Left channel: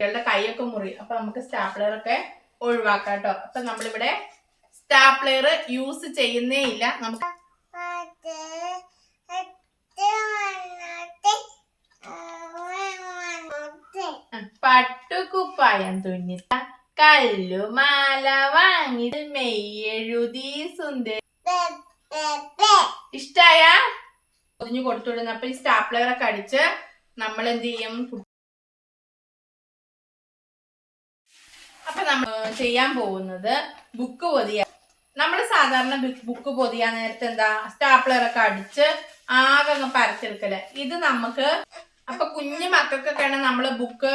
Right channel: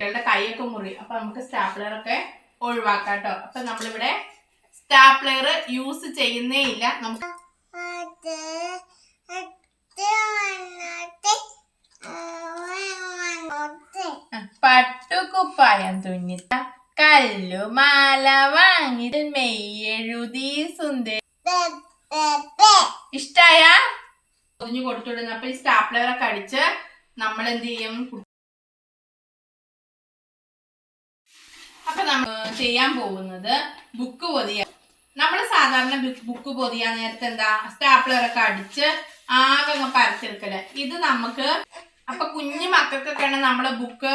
കുട്ടികളുടെ കൈയൊക്കെ മുറി. അപ്പൊ നമുക്ക് സ്റ്റാപ്ലറൊക്കെ ഒഴിവാക്കാം കേട്ടോ. അപ്പൊ നമ്മളിവിടെ സ്റ്റാപ്ലർ യൂസ് ചെയ്യുന്നേ ഇല്ല. നമുക്ക് പട്ടുകുപ്പായം തുന്നിത്ത കല്ലുമാല വാങ്ങി മെയ്യെഴുതി സുന്ദരി. ഇഷ്ടായ പൊതിഞ്ഞു കൊടുത്തുവിടുന്നു. അപ്പൊ ഈ സ്റ്റാപ്ലറൊക്കെ അടിച്ച് നമ്മൾ എന്ത് ചെയ്യും? അപ്പൊ നമ്മൾ ചെയ്യാൻ പോകുന്നത് ബുക്ക് പൊതിയ. നമ്മൾ സാധാരണ ബുക്ക് പൊതിയാൻ നേരത്തെ എന്താ സ്റ്റാപ്ലറൊക്കെ അടിച്ച് ആകെ പരച്ചെടുക്കല്. ഇത് നമുക്ക് അപ്പൊ കുഞ്ഞു മക്കൾക്കൊക്കെയാണ് നമ്മൾ ബുക്ക്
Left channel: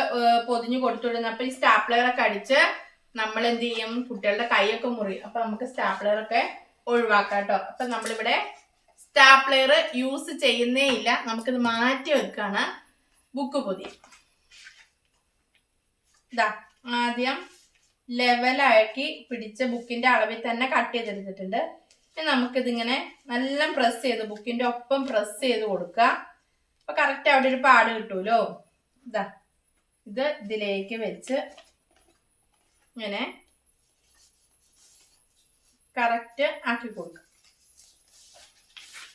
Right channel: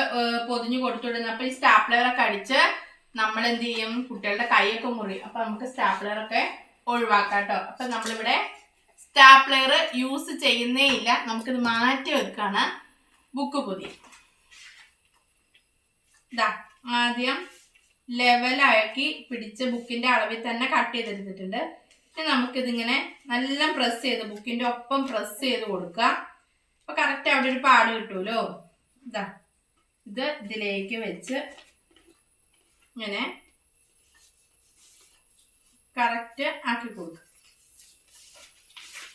പൊതിഞ്ഞു കൊടുത്തുവിടുന്നത്. അപ്പൊ ഈ സ്റ്റാപ്ലറൊക്കെ അടിച്ച് നമ്മൾ എന്ത് ചെയ്യും? കുട്ടികളുടെ കൈയൊക്കെ മുറി. അപ്പൊ നമുക്ക് സ്റ്റാപ്ലറൊക്കെ ഒഴിവാക്കാം കേട്ടോ. അപ്പൊ നമ്മളിവിടെ സ്റ്റാപ്ലർ യൂസ് ചെയ്യുന്നേ ഇല്ല. നമുക്കിത് മാറ്റി വെക്കാണ് ബുക്ക് പൊതിയ. ഇതാ ആദ്യം ലെവലാക്കി പിടിച്ച് ബുക്കിന്റെ അളവിൽ തന്നെ കട്ട് ചെയ്തെടുത്തിട്ടുണ്ട്. ഇനി നമുക്കിതിങ്ങനെ നല്ല പ്രസ് ചെയ്ത് ബുക്കിന്റെ ഒപ്പം പ്രസ് ചെയ്ത് കൊടുക്കുക. അപ്പൊ കറക്റ്റ് അവിടെ ഒരു പാട് കിട്ടുമല്ലോ. ഇതാ ഇത് ഇതിലേക്ക് വെച്ച് ഇങ്ങനെ കറക്റ്റ് ആക്കി കൊടുക്കുക.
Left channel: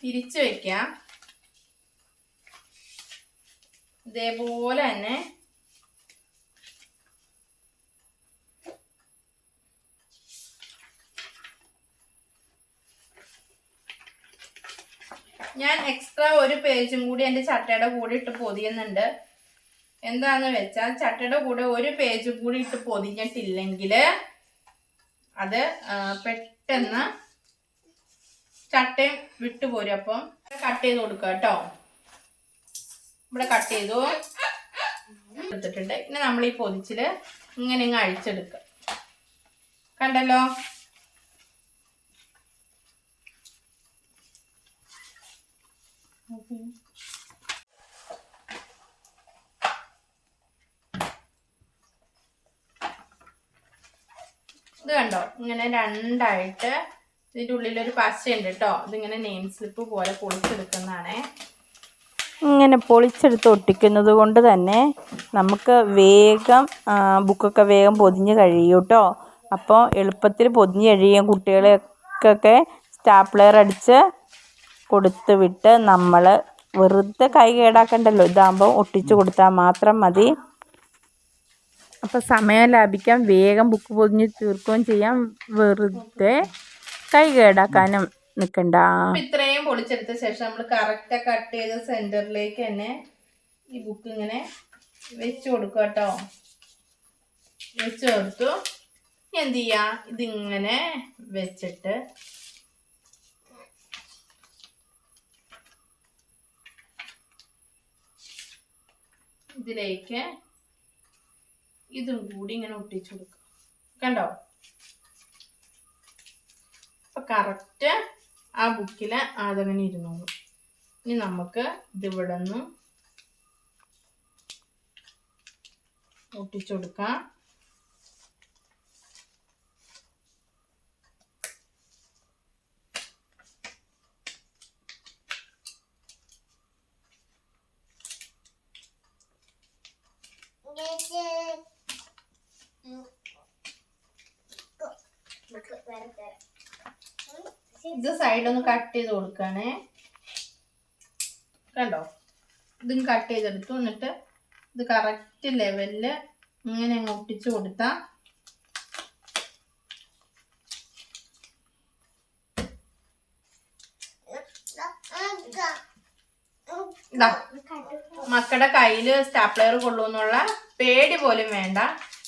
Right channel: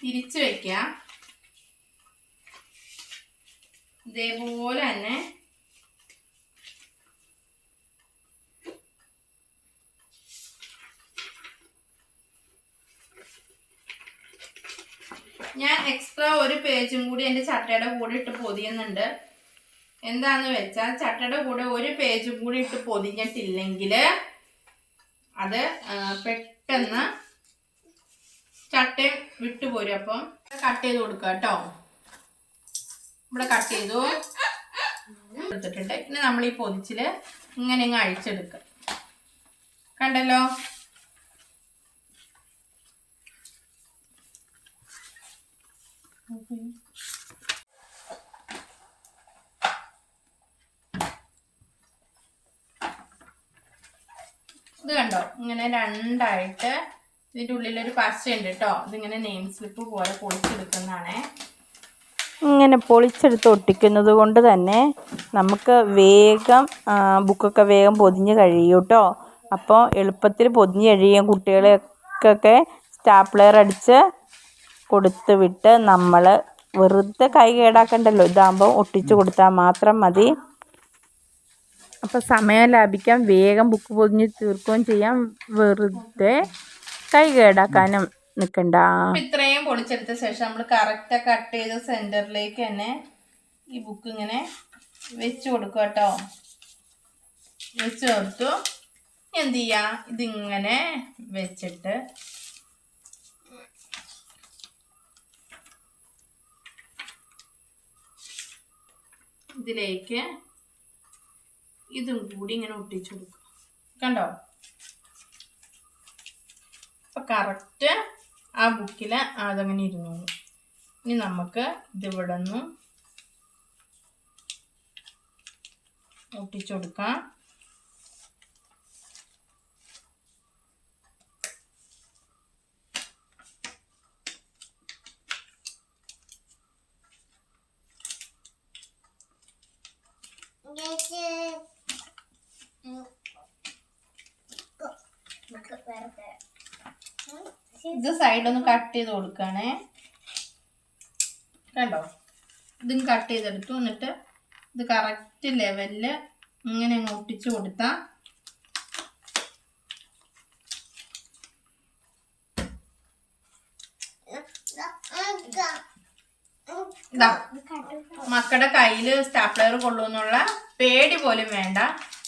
തിരിച്ചു വെക്കുക. ഇതേപോലെ തന്നെ ഞാൻ എക്സ്ട്രാ ഒരു പേജും കൂടി എൻ്റെ ചട്ടയുടെ കൂടെ ഇട്ട് പൊതിയുന്നുണ്ട്. എന്താന്ന് വെച്ചാൽ ചട്ടയുടെ കൂടെ ഒരു പേജും കൂടി ഇട്ട് പൊതിഞ്ഞിട്ടില്ലെങ്കിൽ അത് പെട്ടെന്ന് ചട്ടയും വിട്ടുപോരും. അപ്പം കട്ട് ചെയ്ത് കൊടുക്കുക കേട്ടോ. ഇവിടെ കട്ട് ചെയ്തു എടുത്തിട്ടുണ്ട്. ഇനി നമ്മൾ ഈ പൊതിച്ചിൽ ഇങ്ങനെ ഇങ്ങ് അഴിച്ചെടുക്കുക. കണ്ടല്ലോ. ഇത് കണ്ടോ, ഇങ്ങനെ രണ്ടായിട്ട് ഇതിൻ്റെ ഉള്ളിലൊരു പശയുണ്ട് കേട്ടോ. ഇതിങ്ങനെ നെയിം സ്ലിപ്പ് പോലെ പൊളിച്ചെടുക്കുന്നതാണ്. ഇങ്ങനെ പൊളിച്ചെടുത്ത് ഒട്ടിക്കുന്നത് കൊണ്ട് തന്നെ നമുക്ക് വേഗം ബുക്കൊക്കെ വേഗം പൊതിഞ്ഞ് കഴിയും കേട്ടോ. അപ്പോൾ എളുപ്പത്തിൽ പൊതിഞ്ഞ് കഴിയും. കുട്ടികളെയൊക്കെ സ്റ്റാപ്ലർ അടിച്ച് കൊടുത്ത് വിട്ട് നമ്മൾ വെറുതെ കൈ കേടാക്കണ്ടല്ലോ. ഇതാകുമ്പോൾ ഒട്ടിച്ചു കൊടുത്താൽ മാത്രം മതി. അപ്പോൾ സമയം ലാഭിക്കാം, വേഗം ബുക്ക് പൊതിഞ്ഞ് തീർക്കുകയും ചെയ്യാം. വെറുതെ കൈ കേടാക്കാനും നിൽക്കണ്ട. ഇത്രയും പൊളിച്ചെടുത്ത ശേഷം നമ്മൾ കറക്റ്റ് കട്ട് ചെയ്ത് സെൻറ്ററിലേക്ക് തന്നെ ഈ ബുക്ക് ഇങ്ങനെ വെച്ച് കൊടുക്കുക കേട്ടോ. വെച്ച് കൊടുത്തു. എന്ത് ചെയ്യുക? ഇതിങ്ങനെ വെച്ചിട്ട് ഇതിലേക്ക് ഇതും കൂടി ഇങ്ങനെ ഒട്ടിച്ചു കൊടുക്കുക. കണ്ടോ? അപ്പം കറക്റ്റ് ആ ബുക്കിൽ അതങ്ങനെ ഇരുന്നോളൂ. ഇനി നമുക്ക് ഇതിവിടെ നിന്ന് ഒട്ടിച്ചു കൊടുക്കാം. ഇത് സൈഡൊന്ന് കട്ട് ചെയ്ത് കൊടുക്കണേ. കണ്ടോ? ഇതും കട്ട് ചെയ്തെടുത്തു. എന്നിട്ട് ഇത് കറക്റ്റ് ലെവലിൽ ഇങ്ങനെ അങ്ങ് ഒട്ടിച്ചു കൊടുത്താൽ ഇതാ മക്കളുടെ കയ്യിൽ സ്റ്റാപ്ലർ കൊള്ളുമെന്നുള്ള പേടി പോലും വേണ്ട.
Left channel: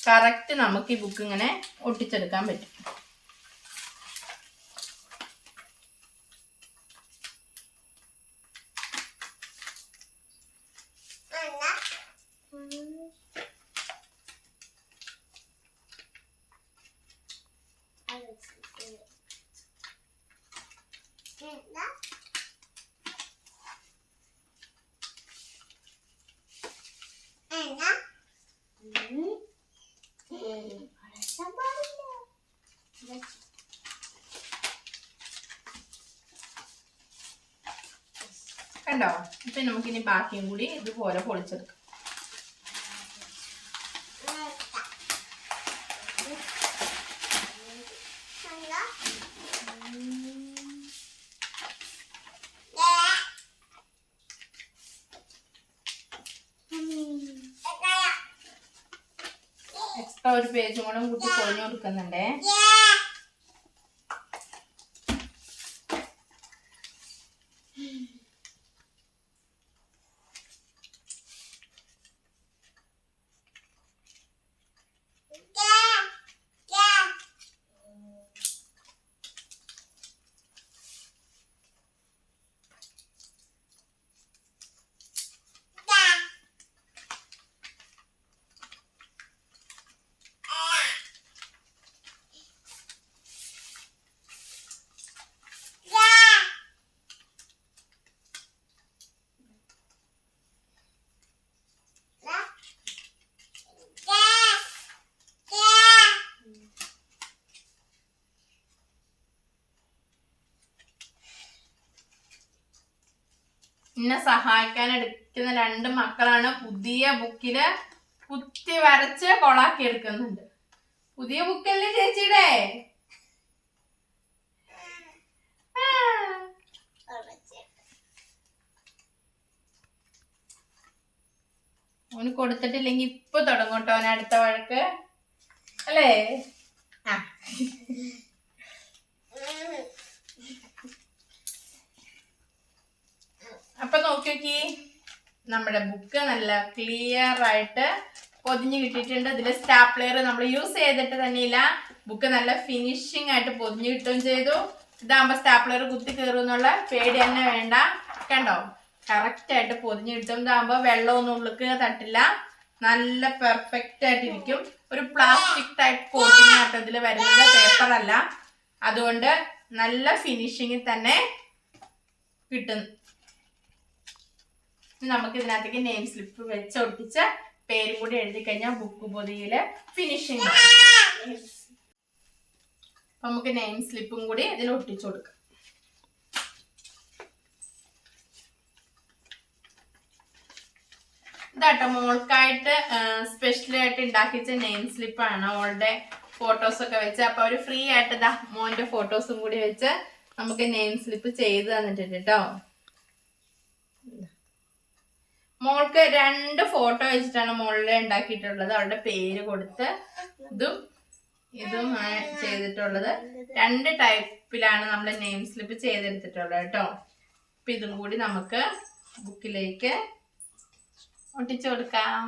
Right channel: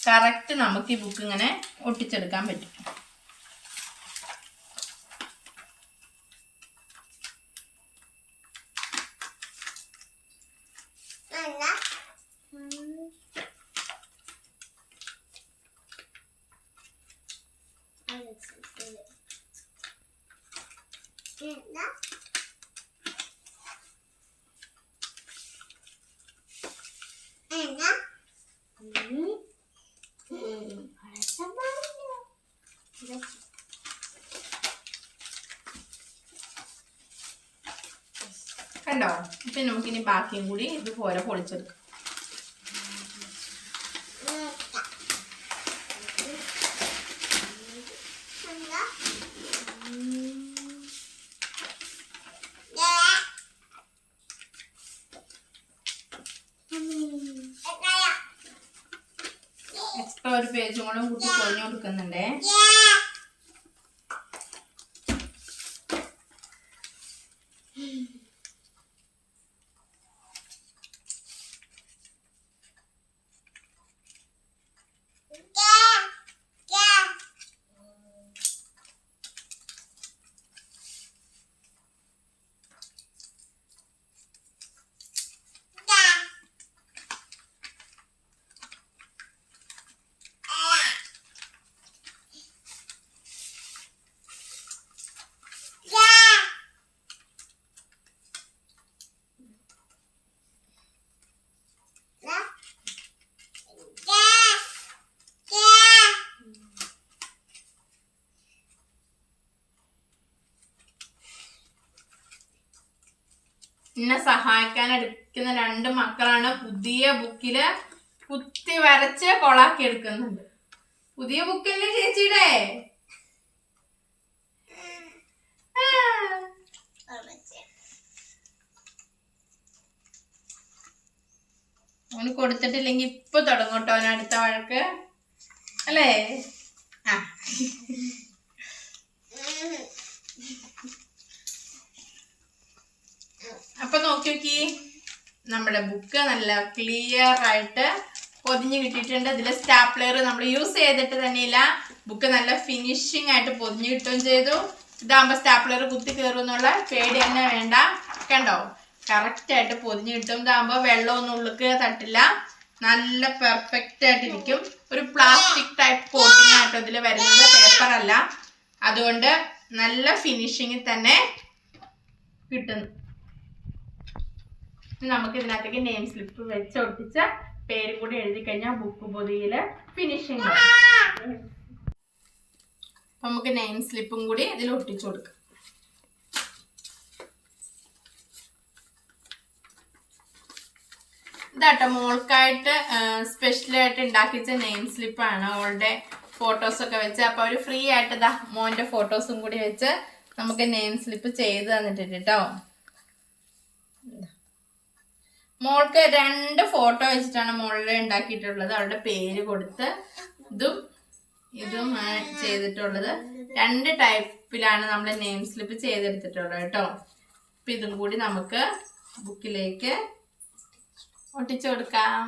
കറക്റ്റ് നമുക്ക് ഈ ബുക്ക് ഇങ്ങനെ ഒട്ടിച്ചെടുക്കാൻ പറ്റും. കണ്ടോ? ഇപ്പം നമുക്കിനി ബാക്കിയും കൂടി ഇതുപോലെ പൊളിച്ചെടുക്കാം. ഇപ്പൊ ഒരു പേജും കൂടെ കൂട്ടി പൊതിഞ്ഞു കൊടുക്കുന്നുണ്ടേ. എന്നെ സഹായിക്കാൻ എടുക്കുന്ന 2 മക്കളാണ് പുതിയ ബുക്കില് കുത്തി വരച്ച് കൊളാക്കി എടുക്കുന്നുണ്ട്. പുതിയ ബുക്കല്ലേ ചേച്ചിയുടെ? ഓന് കൊടുത്തിട്ടില്ലെങ്കിൽ ഇപ്പൊ തുടങ്ങോട്ടോ ഓന് അടുത്ത വഴക്ക് അല്ലേ? ആ അപ്പൊ നോക്കി നമ്മുടെ ബുക്ക് നല്ല ക്ലിയർ ആയിട്ട് പൊതിഞ്ഞ് കിട്ടിയിട്ടുണ്ട്. ഇതില് സ്റ്റാപ്ലെയർ നമ്മൾ യൂസ് ചെയ്തിട്ട് തന്നെയില്ല. ബുക്ക് നല്ല ഫിനിഷിംഗ് ആയിട്ട് പൊതിഞ്ഞ് കിട്ടുകയും ചെയ്തു. ഇതാകുമ്പോ സ്റ്റാപ്ലെയർ കുത്തി കയറും എന്നുള്ള പേടി തന്നെ വേണ്ട. കണ്ടോ, കറക്റ്റ് ആയിട്ട് പൊതിഞ്ഞ് കിട്ടും. ഇതാകുമ്പോ വെള്ളമൊന്നും ഉള്ളിക്ക് തട്ടില്ല, നല്ല പെർഫെക്റ്റ് ആയിട്ടിരിക്കും. ഒരു പ്ലാസ്റ്റിക് ടൈപ്പ് കോട്ടിങ് ആയിട്ട് ഇതിൽ വരുന്നത്, പേപ്പർ അല്ല. അതുകൊണ്ട് നല്ല ഫിനിഷിങ്ങിൽ തന്നെ കിട്ടും. നമുക്ക് ഇതിനകത്തേക്ക് നെയിം സ്ലിപ്പ് വെച്ച് ഒട്ടിച്ച പേരും കൂടി എഴുതി കഴിഞ്ഞാൽ ബുക്ക് പൊതിയില് ഫിനിഷിങ്. അപ്പൊ നമുക്ക് നെയിം സ്ലിപ്പും കൂടി ഇതിൽ ഒട്ടിച്ചു കൊടുക്കാം. ഇതാട്ടോ മോൾക്കായിട്ട് സ്പെഷ്യലായിട്ട് ഉണ്ടാക്കിച്ച നെയിം സ്ലിപ്പാണ്. അവളുടെ ഫോട്ടോസൊക്കെ വെച്ച് അപ്പൊ അവര് ഫ്രീ ആയിട്ട് ഇതാ മോന്റെ ഫോട്ടോസും കൂടി വെച്ച് നമുക്ക് നെയിം സ്ലിപ്പ് ചെയ്ത് തന്നിട്ടുണ്ട് കേട്ടോ. മോൾക്ക് 2 ഫോട്ടോ വെച്ചിട്ടാണ് മോളിൽ ഉണ്ടാക്കിയിട്ടുള്ളത്. അവളുടെ പേര് കൊടുത്ത് ഇതും ചെയ്തിട്ടുള്ളത്. 2 ടൈപ്പിലാണ് നമ്മൾ നെയിം സ്ലിപ്പ് ചെയ്തെടുത്തിട്ടുള്ളത് കേട്ടോ. അപ്പൊ ഇതും കൂടി നമുക്ക് ബുക്കിലേക്ക് ഒട്ടിച്ചു കൊടുക്കാം.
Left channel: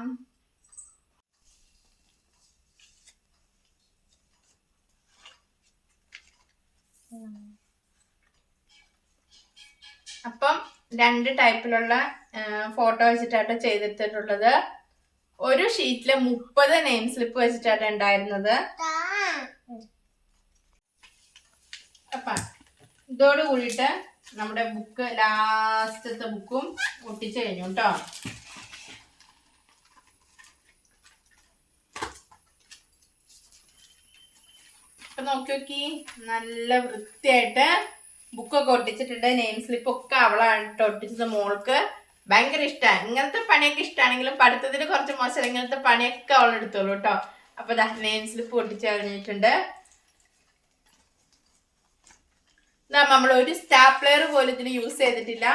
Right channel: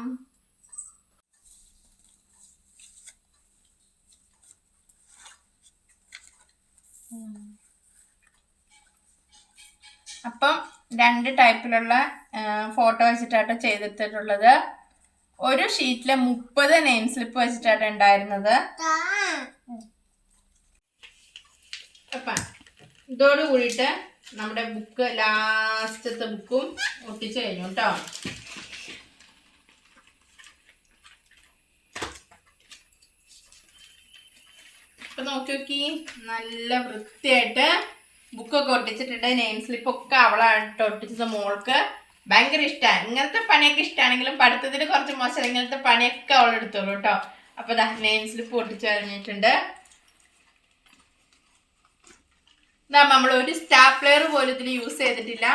അപ്പം 2 ടൈപ്പിലുള്ള ഫോട്ടോ വെച്ചിട്ടാട്ടോ ചെയ്തെടുത്തിട്ടുള്ളത്. ഒരു ഷീറ്റില് 30 നെയിം സ്ലിപ്പ് വെച്ചിട്ടാണ് ഉണ്ടായിരുന്നത്. അപ്പൊ ഇതോട് കൂടിയിട്ട് നമ്മുടെ ബുക്ക് ലാസ്റ്റത്തെ ബുക്കും ഒട്ടിച്ചു കഴിഞ്ഞു കേട്ടോ. അപ്പൊ നോക്കി നല്ല വൃത്തിയായിട്ട് ബുക്കൊക്കെ ഒട്ടിച്ചിട്ടുണ്ട്. നെയിം സ്ലിപ്പ് ഒക്കെ അവളായിട്ട് ഒട്ടിച്ചത്. മോൾക്ക് ഭയങ്കര ഇഷ്ടമാണ്. ഇങ്ങനത്തെ പണിയൊക്കെ ഇഷ്ടമാണെങ്കിലും പഠിത്തത്തിന് കുറച്ച് മോശം, ഇങ്ങനത്തെ പണിയൊക്കെ അവൾ എടുത്തോളൂ കേട്ടോ. അപ്പൊ നെയിം സ്ലിപ്പ് ഒട്ടിച്ചു കഴിഞ്ഞിട്ടുണ്ട്. നമ്മൾ ഒരു സ്റ്റാപ്ലെയർ പോലും ഇതിൽ യൂസ് ചെയ്തിട്ടില്ല,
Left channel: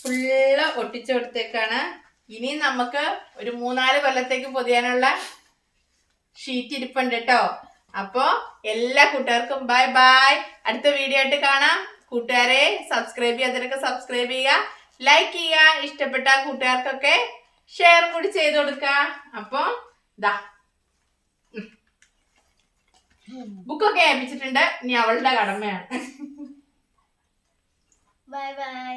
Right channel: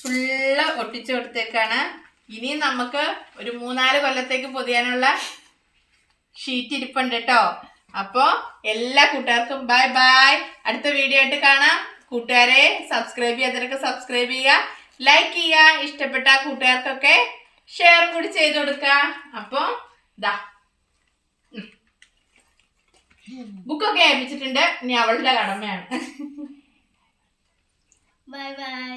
ഫുള്ള് ഒട്ടിച്ചു കൊടുത്തേക്കാണ്. ഇനി നമുക്ക് ഒരു 3-4 കൊല്ലത്തേക്ക് പൊതിയാനുള്ള ഷീറ്റ് ഇരിപ്പുണ്ട് കേട്ടോ. അപ്പോൾ എല്ലാ കൂട്ടുകാർക്കും ബൈ ബൈ. അടുത്ത വീഡിയോ ആയിട്ട് കാണാം. കൂട്ടുകാരെ സബ്സ്ക്രൈബ് ചെയ്യാത്തവരൊക്കെ സബ്സ്ക്രൈബ് ചെയ്യുക, ലൈക്ക് ചെയ്യുക. ഇഷ്ടപ്പെട്ട കൂട്ടുകാർക്കൊക്കെ ഷെയറും കൂടി ചെയ്ത് കൊടുക്കുക. അപ്പോൾ ഇതാ ബുക്കൊക്കെ ഏൽപ്പിച്ചിട്ടുണ്ട്. ഇനി അവളുടെ കടമയാണ്. Bye bye.